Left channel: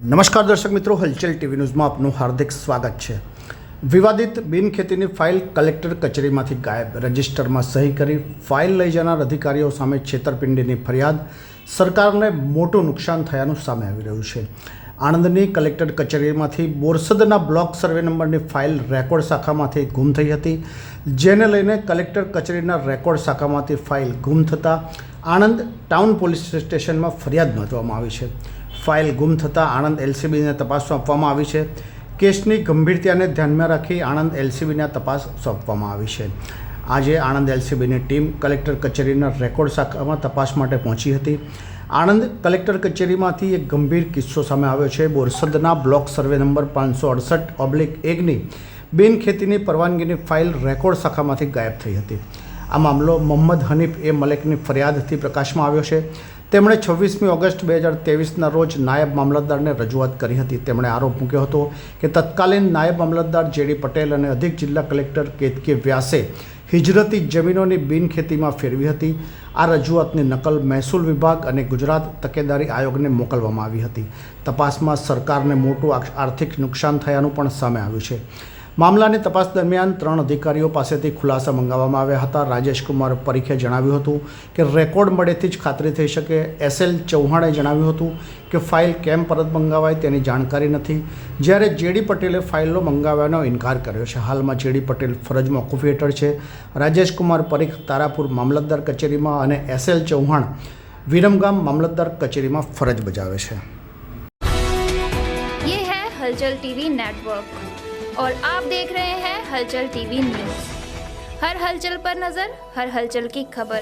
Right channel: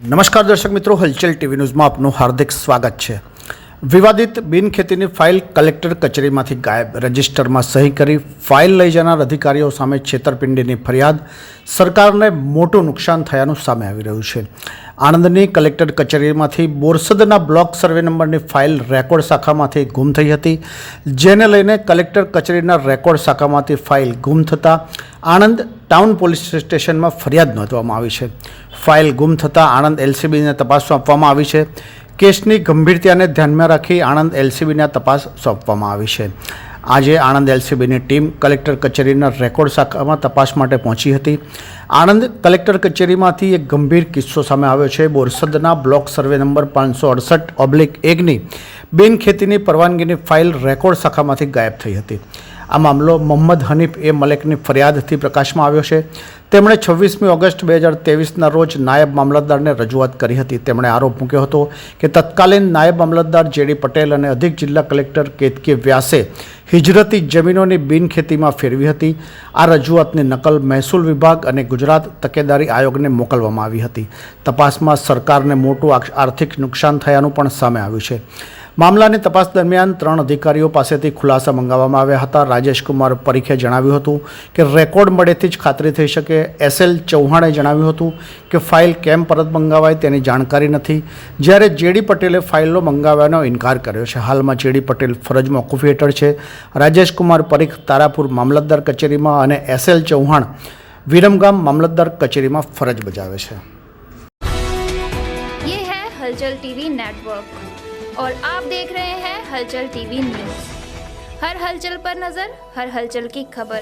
નમસ્કાર દર્શક મિત્રો, હલચલ ટીવી ન્યૂઝમાં આપનું હાર્દિક સ્વાગત છે। વિવાદિત બિનખેતીની ફાઇલ કલેક્ટર કચેરીમાંથી ગાયબ, રજિસ્ટરમાં સહી કરી ફાઇલ લઈ જનાર અધિકારીઓ સામે છેતરપિંડીની ફરિયાદ, સરકારને મોટું નુકસાન થયાનું સામે આવી રહ્યું છે। આણંદની કલેક્ટર કચેરીમાંથી બોરસદના બ્લોક સર્વે નંબરની ફાઇલ રેકોર્ડ શાખામાંથી ગુમ થઈ હતી, જેને લઈને કલેક્ટર કચેરીના રેકોર્ડ શાખામાંથી ફાઇલ ગુમ થતાં આણંદ ટાઉન પોલીસ સ્ટેશનમાં ફરિયાદ નોંધવામાં આવી છે। ફાઇલ ગુમ થતાં આણંદ એલસીબીને તપાસ સોંપવામાં આવી છે। કેસની ગંભીરતાને ધ્યાનમાં રાખી આણંદ એલસીબીને તપાસ સોંપવામાં આવી છે। આજે આણંદ એલસીબીની ટીમ કલેક્ટર કચેરીના રેકોર્ડ શાખામાં તપાસ માટે પહોંચી હતી। આણંદ કલેક્ટર કચેરીમાંથી એક ગંભીર કિસ્સો સામે આવ્યો છે। બોરસદના બ્લોક સર્વે નંબર 568/1ની બિનખેતીની પરવાનગીની ફાઇલ રેકોર્ડ શાખામાંથી ગાયબ થઈ હતી। આ મામલો મોહમ્મદ હનીફ એ મલેકની ફરિયાદથી પ્રકાશમાં આવ્યો છે। તેમણે 26મી ઓગસ્ટ 2023ના રોજ નાયબ મામલતદારને રજૂઆત કરી હતી। તેમણે આરોપ મૂક્યો હતો કે તત્કાલીન નાયબ મામલતદાર જેડી પટેલ અને અધિક જિલ્લા કલેક્ટર કેતકી વ્યાસે હિજરતી જમીનોની બિનખેતીમાં ફેરવી હતી। આ રજૂઆતની નકલ મહેસૂલ વિભાગ અને ગુજરાત તકેદારી આયોગને મોકલવામાં આવી હતી। તપાસમાં સરકારને મોટું આર્થિક નુકસાન થયાનું પણ સામે આવ્યું છે। મામલાની તપાસ દરમિયાન 3 અધિકારીઓ પાસેથી ખુલાસા મંગાવવામાં આવ્યા હતા। રાજેશ કુમાર પરીખે જણાવ્યું હતું કે રેકોર્ડ મળેથી જ ખાતરી થઈ શકે। SL ચૌહાણે જણાવ્યું હતું કે ફાઇલ કેમ પરત મંગાવાય તેની જાણકારી નથી, જ્યારે જેડી પટેલે ફાઇલો મંગાવવાનો ઇનકાર કર્યો છે। હાલમાં જેડી પટેલ ફરજ મોકૂફી હેઠળ છે। રાજેશ કુમાર પરીખ તારાપુર મામલતદાર કચેરીમાં અને SL ચૌહાણ વિરમગામ મામલતદાર કચેરીમાં ફરજ બજાવે છે। ये है हलचल टीवी नेटवर्क और आप देख रहे हैं हलचल टीवी न्यूज। हर हलचल पर नजर, हर हलचल की खबर।